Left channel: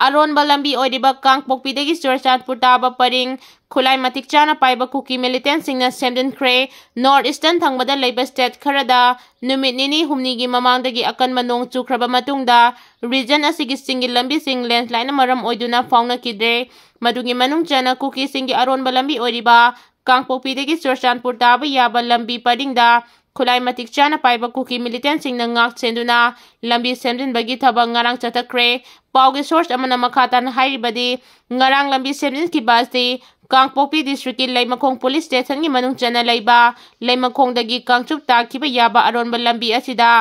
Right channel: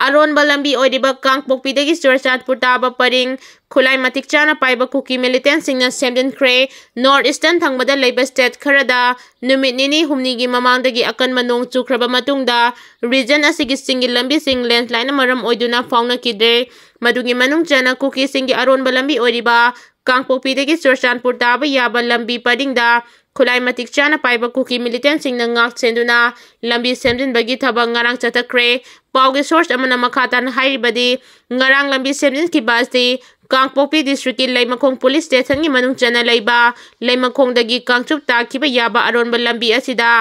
Aronba Lambi Oidiba Kangpokpidagi Churchatpur Taba Paring Khulai Matik Chana Paiba Kuki militant singna Semkhre North Eastern Thangbada Labor State Kharada Numit Nini Humnigi Mamangdagi Akan Manong Chukraba Matungda region asigi Singi Lambi Sing landslide Maram Oiduna Fauna Kidre Madugi Manung Chana Kuki Singi Aronba Lambi Oidiba Kangpokpidagi Churchatpur Taba Yaba Lambi Padingda Khulai Matik Chana Paiba Kuki militant singna ngak senduna Lambi Semkhre Thabang Ngarang Chatakre Paugi source amana makhatan hairibadi ngarang lambi semjin ki basti Kangpokpi district ki Leimakhong police station gi manung chana leiba Leimakhong dagi kangchup ta khiba yaba Aronba lambi asida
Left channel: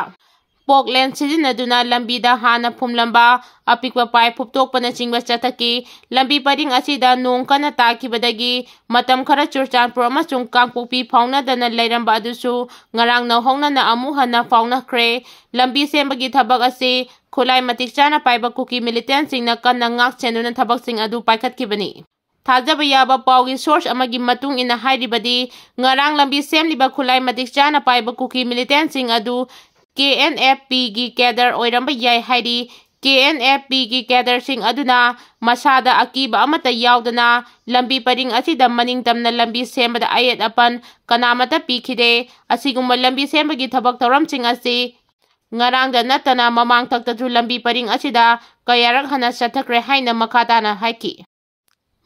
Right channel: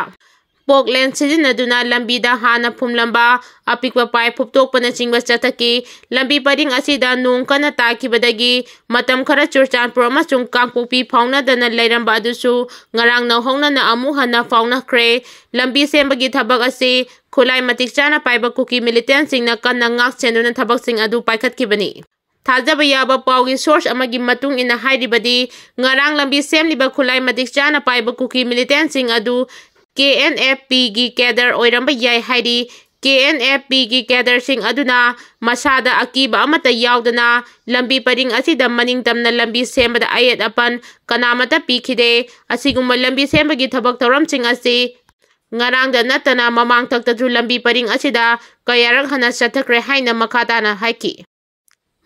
Portland sizinaduna lambi da hana phumlamba apikwa pai phuptokpana chingba chathaki lambi paring asida nong kana takibadagi matam khara Churchanpur amasung Kangpokpi fauna dana leiramba adusu ngarang na hongna na amu hana fauna khre lambi sembagi thabak ase Khulai Matik Chana Paiba Kuki militant singna kanna ngak senduna thabak sing adu paikhatkibani Thajaba yaba paugi source amagi matung ina hairibadi ngarang lambi semliba Khulai Matik Chana Paiba Kuki militant sing adu KNFP gi cadre oiramba yai hairi KNFP gi cadre sing aduna masada akiba amata yaudana lambi paring asida maning tamna lambi sembada ayat apan kanamata pikhide asigumba lambi sembagi thabak tawram sing asi ngarang da natana mamang taktaju lambi paring asida kayarak hana chathakre haina makhatana haiki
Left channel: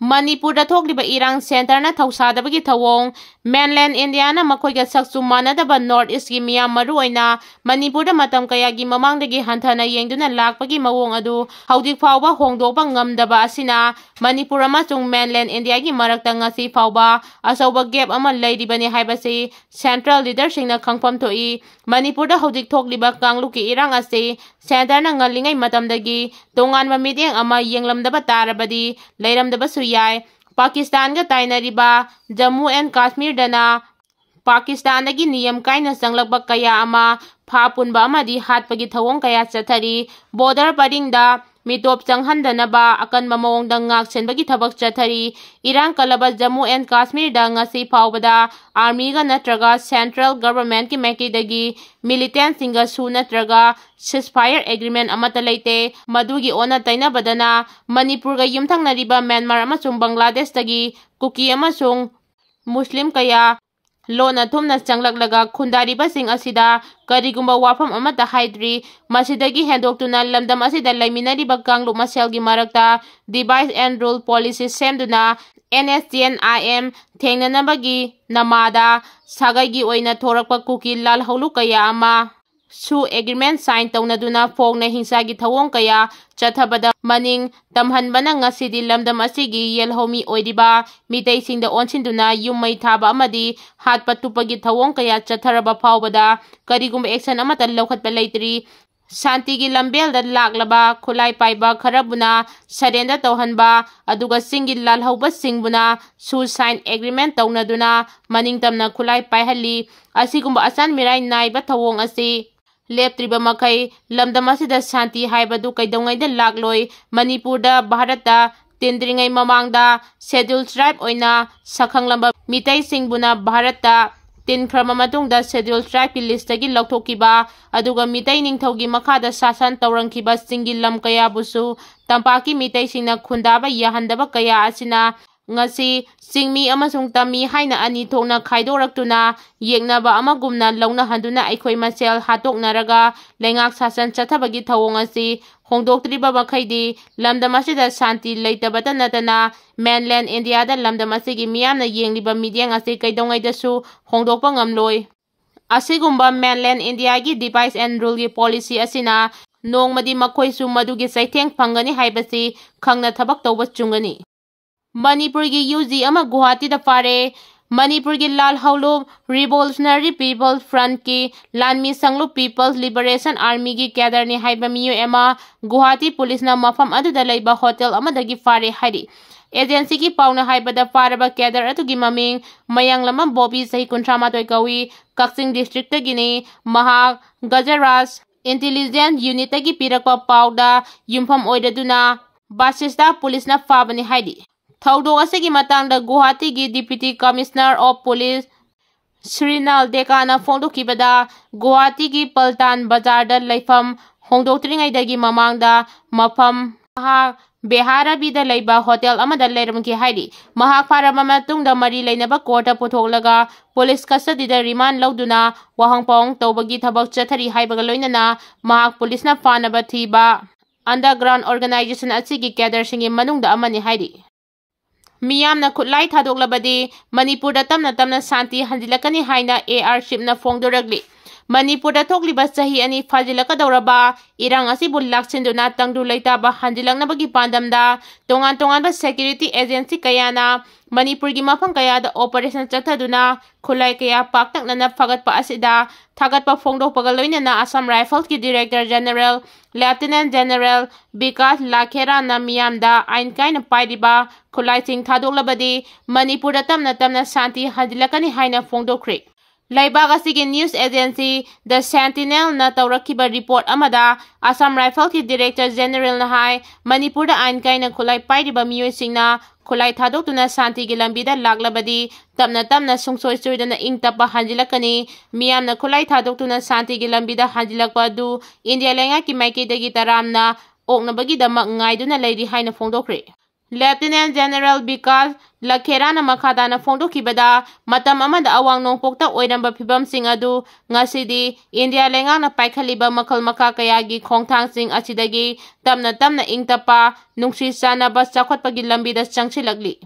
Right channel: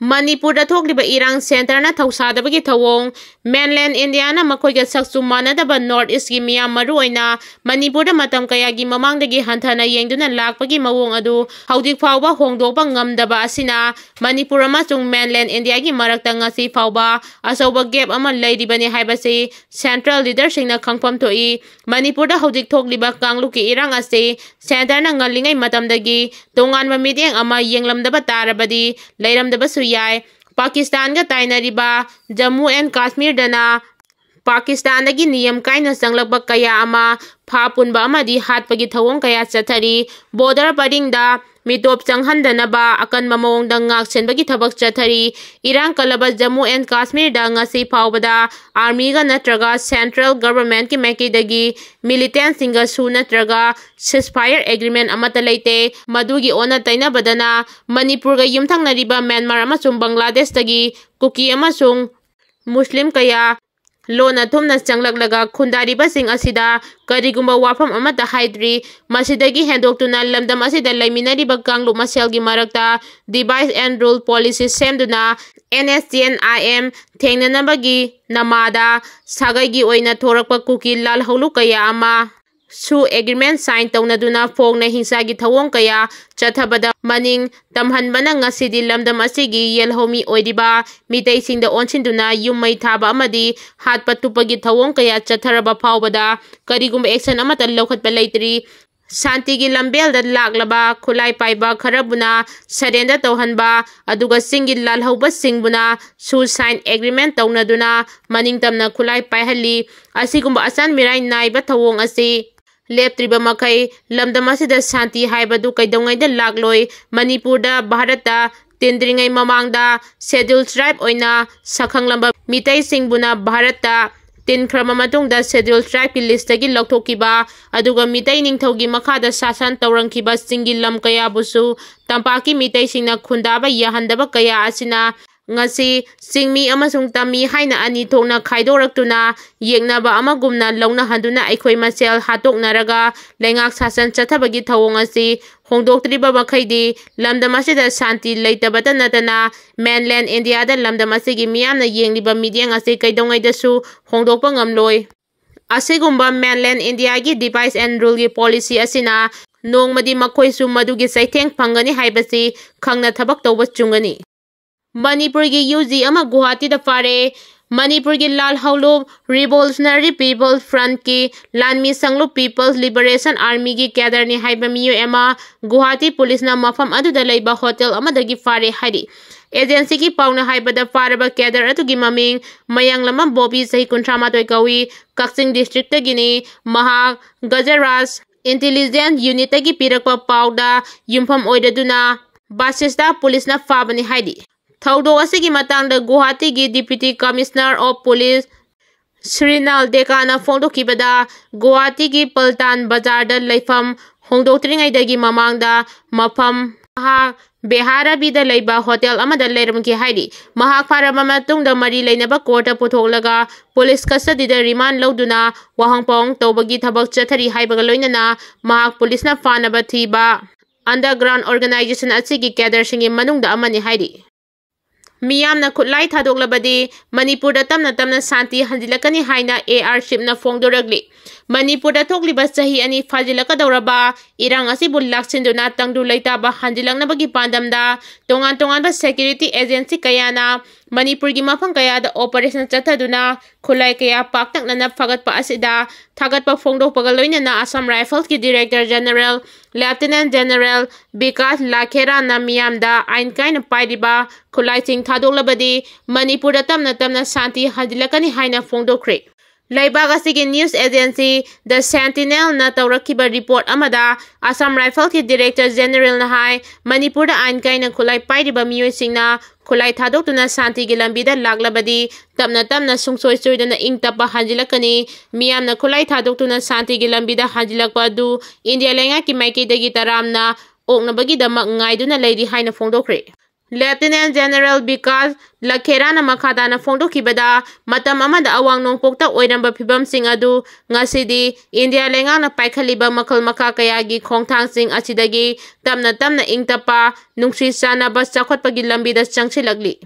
Manipur da thokliba irang center na Thousadbgini thawong mainland India na makhoiga saksu manadaba North East gi miyam maru oina Manipur da matam kaya gi mamangdagi hanthana yengduna lakpagi mawong adu haudik fawba hongdokpa ngamdaba asina Manipur amasung mainland India gi marakta ngasi fawba asauba gap ama leiribani haibasi central leadership na khangpam thoi Manipur da haudik thokliba kangluki irang ase center na ngalingai matamdagi tonganba meeting ama yenglamdaba tarabadi leiramdaba yai Pakistan ga tainariba Jammu and Kashmir dana Pakistan dagi niyam kaina sanglakba kaya ama phapunba amadi hatpagi thawong kaya chathari border paringda mitop changhandanaba akan mamawong da ngak senbagi thabak chathari irang kalaba Jammu and Kashmir da ngasi phawbada army ga natraga central government ki maiki dagi militant singa su natraga ceasefire agreement amata leite madugi ona taina badana Manipur ga yumthang nariba Myanmar amasung Bangladesh dagi Kuki amasung Muslim kaya Lona thumna changlaklaga khundariba sing asida karigumba wafam amata haidri masidagi hendoktuna lamdam asida laiminariba kanglu maselgi marakta device and rule policy semduna NSTNIM thengnanabagi namada sagaigi oina thorakpa Kuki lal holu kaya ama su agreement sign taunaduna fogna hingsagi thawong kaya chathabada maning tamhanbana ngasidi lamdam asigi yelhomi oidiba mitei singda onsinduna yummai thaba amadi hatpatupagi thawong kaya chatharaba phawbada karigumba action amata lokhatpa leitri Santigi lambel da laklaba Khulai paiba kharabuna sarenda tauhanba aduga singi lalhauba singbuna su sign agreement taunaduna maningtamna Khulai paihali asigumba asan mirai naiba thawong asi leptriba makai lamdam asida shanti haibadu kaidongai da lakloi Manipur da Bharata tindringai mamangda scheduled tribe oina sakhanglamba mitai singbuna Bharata tin khrama matungda scheduled tribe ki list gi loktokiba aduga mitai ningthaugi makhada sasan taurangkiba singi lam kaya busu tampaki mitai singna khundaba yahandaba kaya asina ngasi singmi amasung tami haina ani thokna khaidoraktuna yengnaba amagumna launa handuna aikhoi masel hatoknaraga lengak sasan chathabagi thawong asi hongdoktriba bakhaidi lamdam asida shanti leitabata natana mainland India da lamdam asigi miyamna yengliba midyang asi kaidongai dasu hongdokpa ngamloi asigumba mainland India gi device and rule gi policy asina nongmadi makhoisu madugi saitheng phangani haibasi khangna thabak tawba chungani Manipur gi UG ama Guwahati da Phare Manipur gi Lal Haulu Revolutionary People Front ki Lanmi Sanglu People's Liberation Army gi cadre ni haiba miyo ema Guwahati police na mafam adu da leiba hotel ama dagi Phare hari agency ki pauna haiba da Pharaba cadre atu gi maming mayang lama Bobby sahi kuntrama toy kawi Kaksing district tagini Maha Gajaras intelligence unit gi pirakpa pauda yumpham oidaduna Basista police na fabani haidi Thaudo asigi matangda Guwahati gi Deputy Commissioner of Police Srinal Dekana Fondokibada Guwahati gi Paltan Bazar da Leifam Hongdoktringai dagi mamangda mafam ha Beharabi Laiba Hotel Amada Lermki Haidi, Mahak Paramama Tungda Mari Lainaba Kota Putolaga, Police Custody the Riman Lauduna, Wahangpong, Tobagi Tabak Chatari Haibagaloinana, Mahak Police na Fanabatiba, Underground Organization Atsigi Gather Singing Manung the Amani Haidi. Miyamna Kutlai Tadoglabadi, Manipur Tamna Tamna Santi Handilakani Haina AR ship na Fongduragli. Manipur Togliba Sahi ani Fajilaka Doraba, Irang Asibul Laksinduna Tangdu Laitaba Handilang Nabagi Pandamda, Tongan ba Security Agency Kayana, Manipur Gimapang Kaya the Operation Chataduna, Kulai Kaya Paktak na Fagat pa Asida, Tagat pa Fongdo Pagaloina na Assam Rifles ki Director General, Lieutenant General, Bikas Lakera na Miyamda, Ain Kain na Paidiba, Kulai Sing Tadoglabadi, Manipur Tamna Santi Handilakani Haina Fongdo Creek. Laibaga sige news agency The Sentinel na tawrakiba report amada Assam Rifle ki Director General na hai Manipur da ain kai na kulay paidiba miyoy singna kulay thadok tuna santi gilambida laglabadi tamna sungsoy soy na ingtapa hanjilakani miyam na kulay thadok tuna santi gilambida hanjilakpa du India lenga ki maiki dagi taram na ok na bagi damak ngay du na lady hai na fongdokre. Lieutenant General Bikas Lakera na makada na Fongdo Kibada, Matam Amada Awang Nong Pokta Oiramba Pibam Sing Adu, Ngasidi, India Lengang na Paikaliba Makal Makakayagi, Kongtang Sing Asidagi, Tamna Ingtapa, Nungsi Sana Bas Sakot Pagilambidas Changsilagli.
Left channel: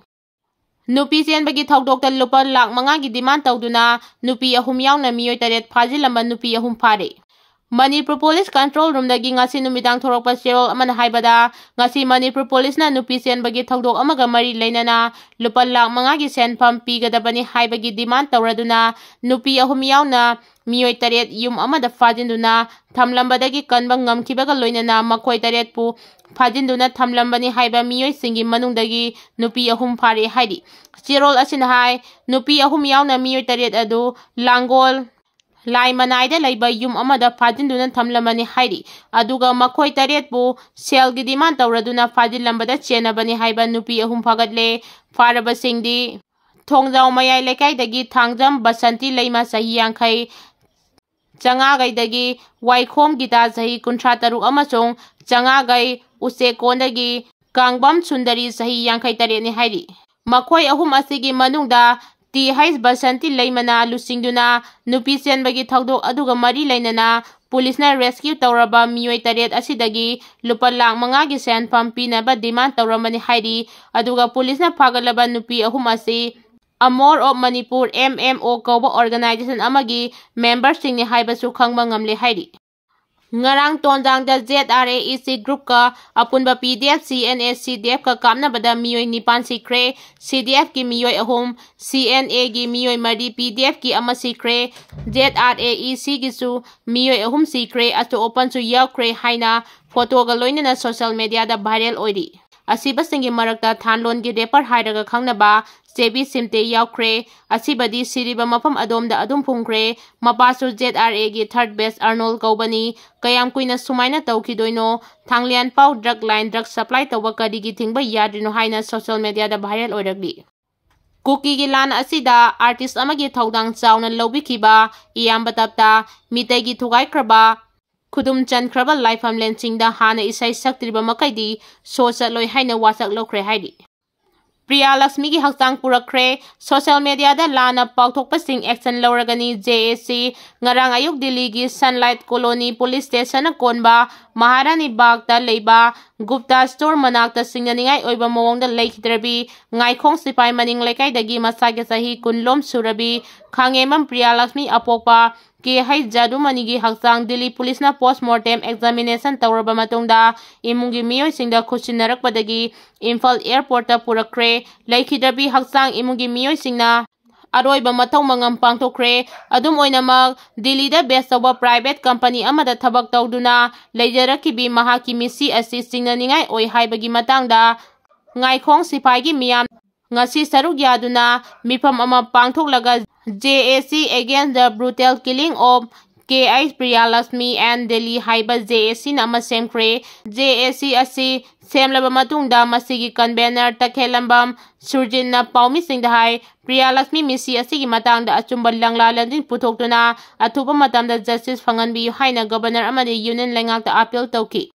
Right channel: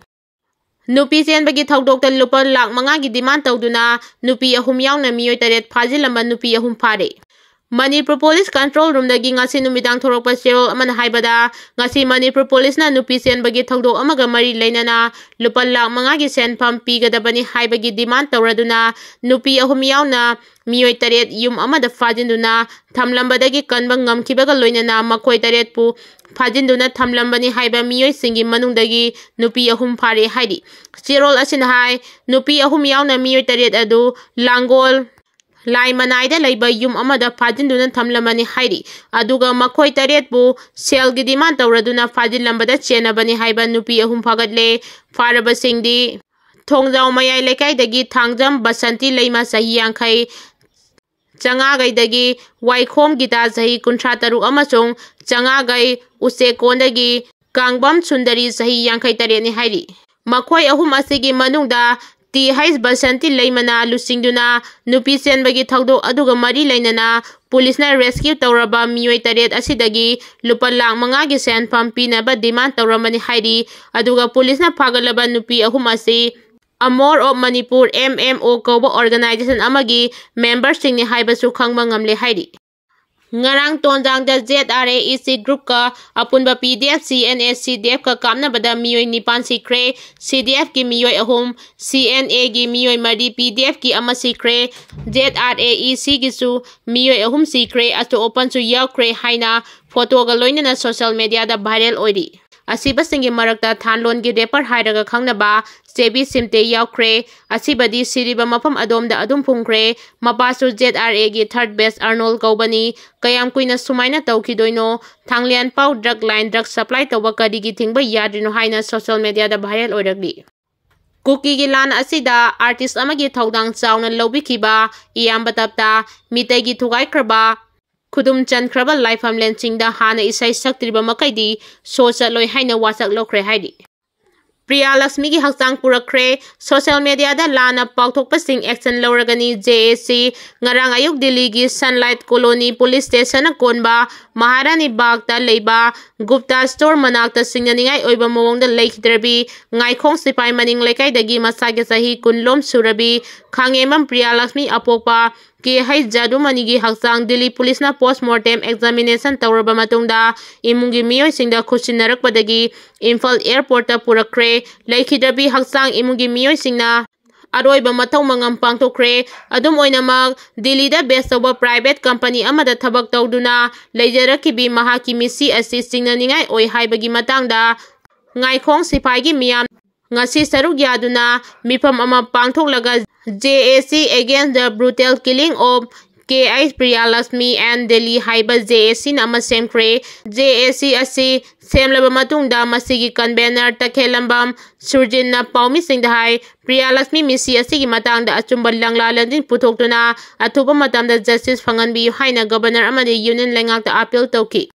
Nupi Sian bagi Thaudok Lupa Lak Mangagi Demand Tauduna, Nupi Ahum Yaona Mioi Taret Pazilamba Nupi Ahum Phare. Manipur Police Control Room dagi ngasi numidang thorokpa Cheryl amana haibada ngasi Manipur Police na nupi sen bagi thaudok amaga mari leinana lupa lak mangagi senpham pigadabani haibagi demand tawraduna nupi ahum yauna mioi taret yum amada fajinduna thamlambadagi kanba ngamkibaga loinana makoi taret pu fajinduna thamlambani haiba mioi singi manungdagi nupi ahum phare haidi Cheryl asin hai nupi ahum yauna mioi taret adu Langol Lai Manaida Laiba Yum Amada Fajinduna Tamlamani Haidi, Aduga Makoi Taret Bu, Sel Gidiman Tauraduna Fajilambada Chenabani Haiba Nupi Ahum Pagadle, Faraba Singdi, Tongzao Mayai Lekai Dagi Tangjam Basanti Laima Sahi Yankai, Changagai Dagi, Waikom Gita Sahi Kuntrataru Amasong, Changagai Use Kondagi, Gangbam Sundari Sahi Yankai Tareni Haidi. Makoi Ahum Asigi Manungda, Ti Hais Basanti Laimana Lusingduna, Nupi Sen Bagi Thaudok Aduga Mari Lainana, Police na rescue Tauraba Mioi Taret Asidagi, Lupa Lang Mangagi Sen Pampina ba demand Tauramani Haidi, Aduga Police na Pagalaba Nupi Ahumasi, Amor of Manipur MMO Kobo Organization Amagi, members Sing ni Haibasu Kangbangamle Haidi. Ngarang tonjang da ZRAEC group ka apunba PDF CNA CDF ka kamna bada miyoy nipan sikre CDF ki miyoy ahum CNA ki miyoy mari PDF ki ama sikre ZRAEC ki su miyoy ahum sikre ato open su yakre haina photo ga loina na social media da viral oidi asiba singi marakta thanlon gi depar hairaga khangnaba Sebi Simte Yaukre, Asibadi Siriba Mapam Adom da Adum Pungkre, Mapasu ZRA gi third best Arnold Gaubani, Kayam Kuina Sumaina Taukidoino, Tanglian Pau drug line drug supply Tawakadi gi Thingba Yadrino Haina social media da viral oiragli. Kuki gi lan asida artist amagi thaudang chawna lobikiba, iyamba tapta, mitai gi thugai kraba, Kudum Chankraba Lifeam Lensing da Hana Isai Saktriba Makaidi, Sosa Loi Haina Wasak Lokre Haidi. Priya Lakshmi ki hakchang purakre social media da lana pauthokpa sing action loragani JAC ngarang ayuk Delhi gi Sunlight Colony Police Station konba Maharani Bagh ta leiba Gupta Store manakta singnaningai oiba mawongda leikhdrabi ngaikhong sipai maning lekai dagi masage sahi kunlom surabi khangemam Priya Lakshmi apokpa ki hai jadu manigi hakchang Delhi Police na postmortem examination tawraba matungda imungi miyoi singda khusinnarak padagi Imphal Airport ta purakre leikhdrabi hakchang imungi miyoi singna Aroiba Matau Mangam Pangtokre, Adum Oinamak, Delhi da best of a private company amada thabak tawduna, Leijarakibi Mahaki Misi assisting na ningai oi haibagi matangda, Ngaikhong Sipaigi Miyam, Ngasi Saruk Yaduna, Mipam Ama Pangtoklaga JAC against the brutal killing of K.I. Priya Lakshmi and Delhi Haiba JAC Nama Semkhre, JAC Asi, Semlaba Matungda Masigi Convener Takhelambam, Surjin na Paumi Singdahai, Priya Lakshmi Misi Asigi Matangda Achumbal Langlalandin Putoktuna, Atuba Matamda Justice Fanganbi Haina Governor Amadi Union Lengak the appeal Toki.